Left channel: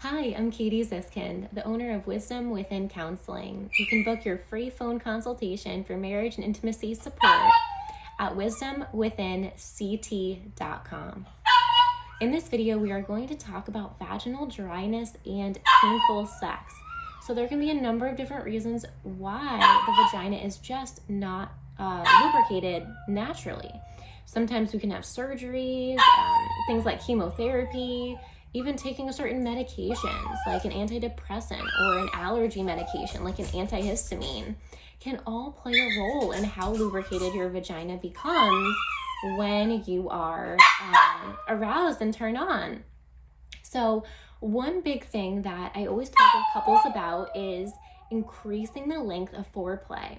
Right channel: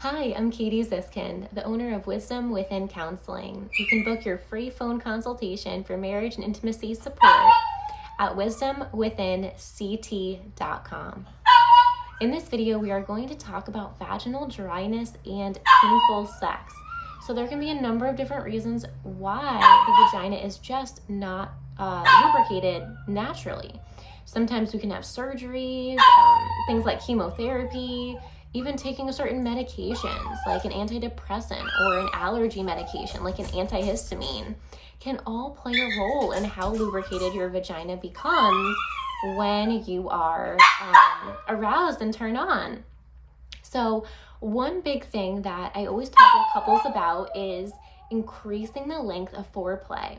Hi, I'm Katie Ziskind, the owner of Wisdom Within Counseling. You can book your free phone consultation for marriage and intimacy support at wisdomwithinct.com. In this video, we are going to talk about vaginal dryness and painful sex. So there can be a number of different reasons why the vagina is just not lubricated naturally. Sometimes we can have surgeries, things like chemotherapy, even taking certain medications like an antidepressant or an allergy medication like an antihistamine can all play a role in how lubricated your vagina becomes when you are aroused and turned on. So one big thing that I always talk with couples about is increasing the length of foreplay.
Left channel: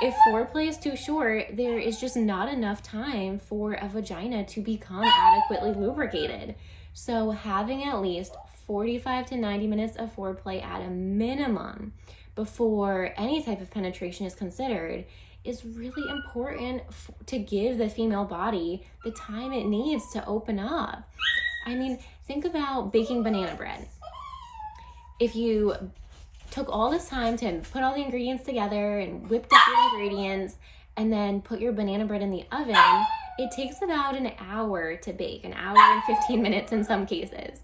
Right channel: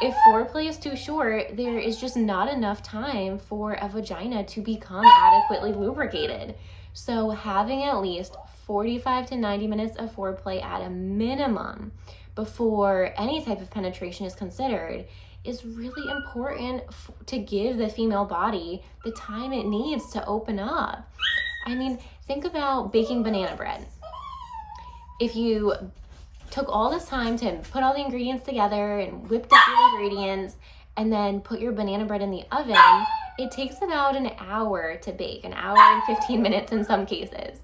If foreplay is too short, there is just not enough time for a vagina to become adequately lubricated. So having at least 45 to 90 minutes of foreplay at a minimum before any type of penetration is considered is really important to give the female body the time it needs to open up. I mean, think about baking banana bread. If you took all this time to put all the ingredients together and whipped up your ingredients and then put your banana bread in the oven, it takes about an hour to bake, an hour and 15 minutes in some cases.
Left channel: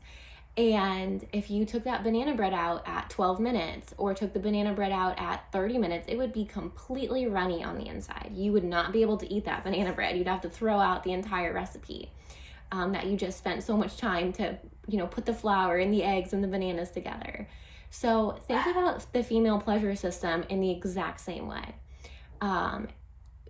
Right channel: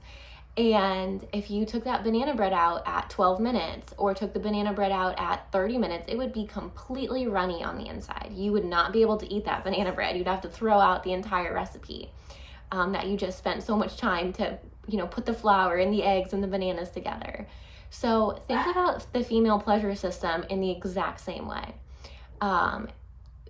And if you took that banana bread out at 12 minutes or took the banana bread out at 30 minutes, it would be completely runny on the inside. You would not be able to eat that banana bread. You'd have to throw out the entire recipe that you just spent so much time to, put the flour and the eggs and the bananas together. So think about the female pleasure system in the exact same way.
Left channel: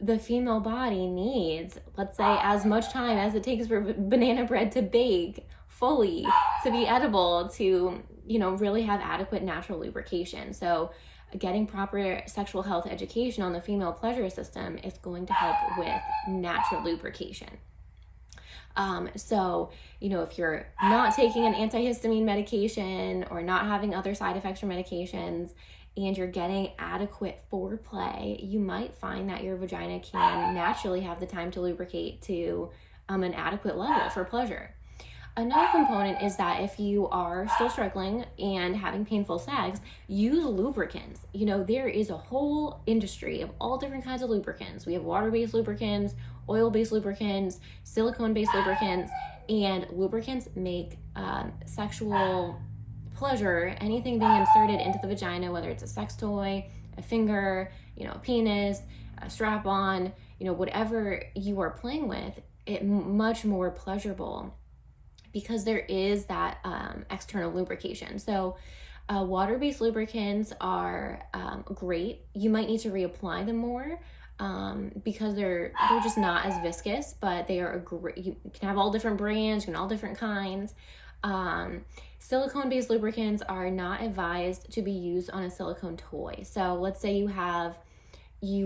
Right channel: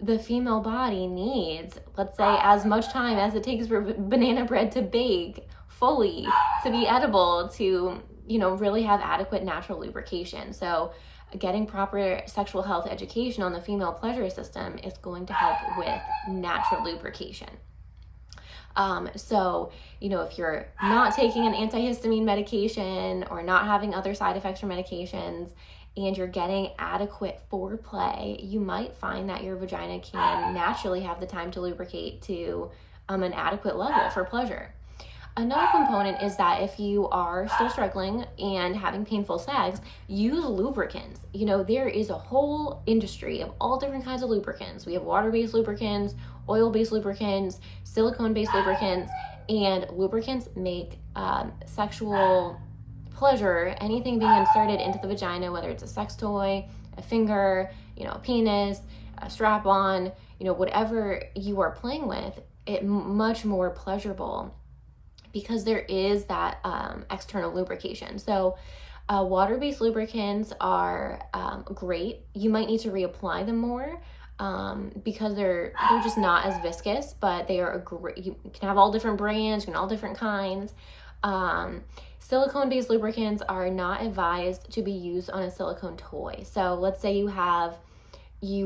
The female body needs, let's say, as much time as it takes for banana bread to bake fully to be edible to, really have adequate natural lubrication. So getting proper sexual health education on the female pleasure system is going to help with natural lubrication. If you're not taking an antihistamine medication or not having other side effects or medications and you're getting adequate foreplay, you might find that your vagina can naturally have the time to lubricate to an adequate level for pleasure. Another component is that if you are still struggling and having painful sex, use lubricants. There is a whole industry of all different kinds of lubricants. We have water-based lubricants, oil-based lubricants, silicone-based lubricants, and lubricants make sexual pleasure, anything being inserted into the vagina, whether it's a sex toy, a finger, a penis, a strap-on, whatever you are playing with, it much more pleasurable because there is that external lubrication. So water-based lubricants are great. You might need to reapply them more because they're just not as viscous, but they are you can have all different brands, all different kinds. Silicone-based lubricants are not advised to be used on a silicone toy. So let's say you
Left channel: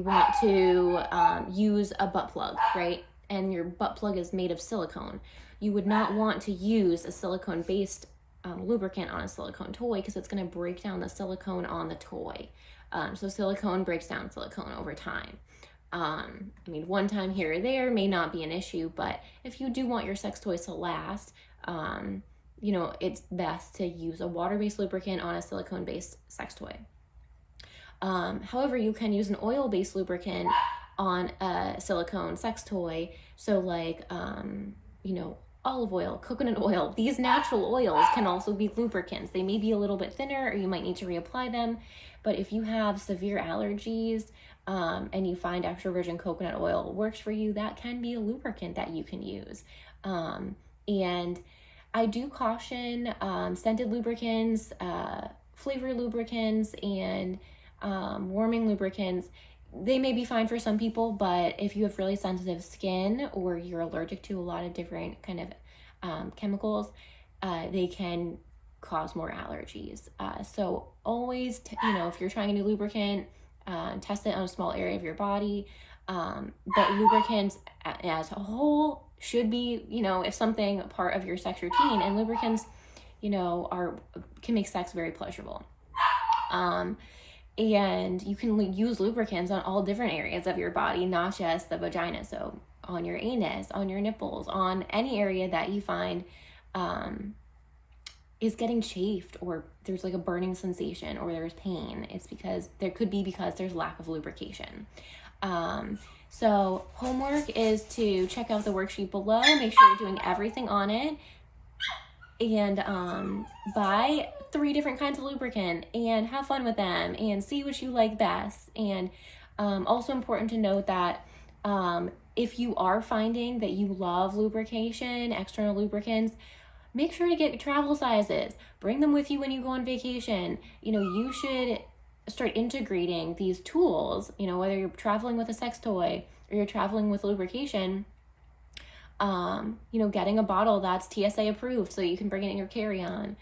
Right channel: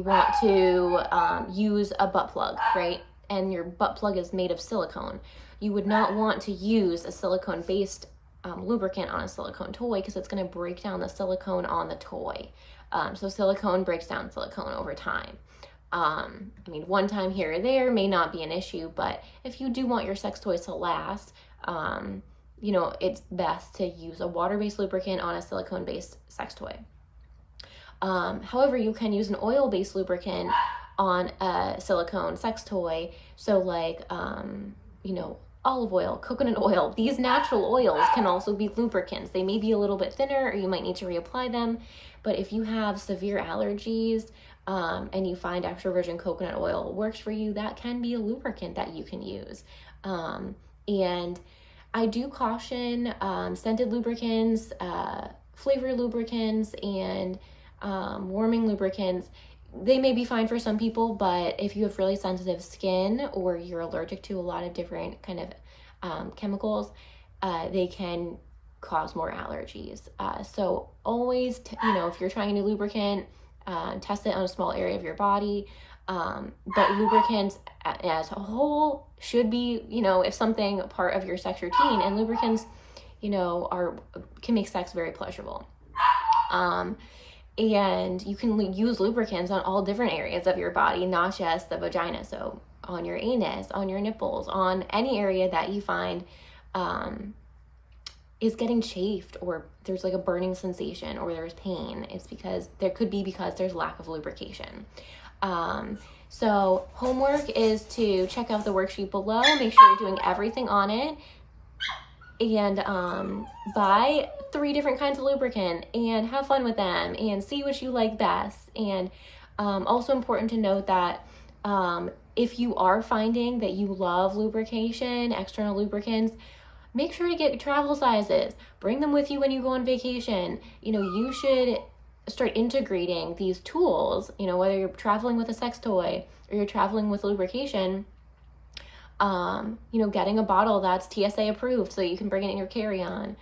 want to use a butt plug, right? And your butt plug is made of silicone. You would not want to use a silicone-based lubricant on a silicone toy because it's going to break down the silicone on the toy. So silicone breaks down silicone over time. One time here or there may not be an issue, but if you do want your sex toys to last, it's best to use a water-based lubricant on a silicone-based sex toy. However, you can use an oil-based lubricant on a silicone sex toy. So like, olive oil, coconut oil, these natural oils can also be lubricants. They may be a little bit thinner or you might need to reapply them. But if you have severe allergies and you find extra virgin coconut oil works for you, that can be a lubricant that you can use. And I do caution scented lubricants, flavor lubricants, and warming lubricants. They may be fine for some people, but if you have really sensitive skin or you're allergic to a lot of different kind of chemicals, they can cause more allergies. So always, if you're trying a new lubricant, test it on a small area of your body. But lubricants as a whole should be, if something part of your sex routine, and lubricants, can make sex very pleasurable. And you can use lubricants on all different areas of your body, not just the vagina. So on your anus, on your nipples, on any area that you find is getting chafed, or there's like a burning sensation, or there's pain, it's because there's lack of lubrication. So homework is to check out the worksheet below, make sure you're doing everything on it, and buy 3 different kinds of lubricant and have fun with them and see what you like best. And also important to note that if you are finding that you love lubrication, external lubricants, make sure to get travel sizes. Bring them with you when you go on vacation. You know, you should start integrating these tools, you know, whether you're traveling with a sex toy or you're traveling with lubrication, you know, getting a bottle that's TSA approved so you can bring it in your carry-on.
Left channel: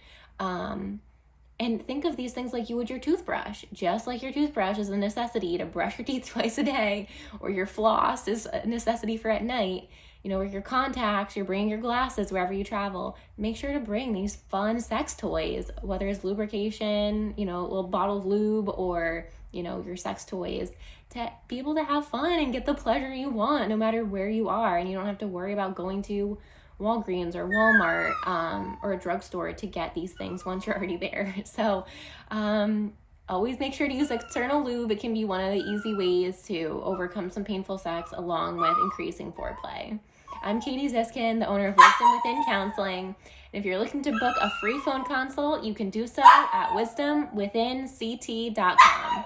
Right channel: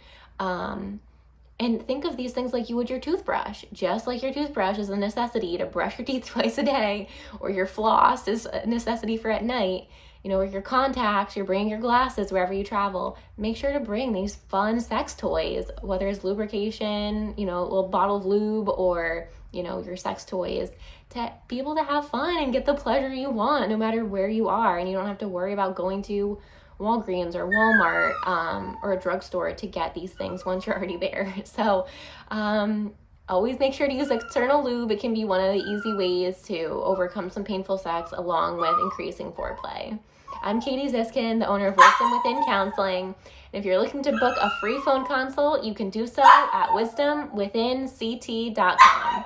And think of these things like you would your toothbrush. Just like your toothbrush is a necessity to brush your teeth twice a day, or your floss is a necessity for at night, you know, or your contacts, you're bringing your glasses wherever you travel. Make sure to bring these fun sex toys, whether it's lubrication, you know, a little bottle of lube, or, you know, your sex toys, to be able to have fun and get the pleasure you want no matter where you are. And you don't have to worry about going to Walgreens or Walmart or a drugstore to get these things once you're already there. So always make sure to use external lube. It can be one of the easy ways to overcome some painful sex, along with increasing foreplay. I'm Katie Ziskin, the owner of Wisdom Within Counseling. And if you're looking to book a free phone consult, you can do so at wisdomwithinct.com.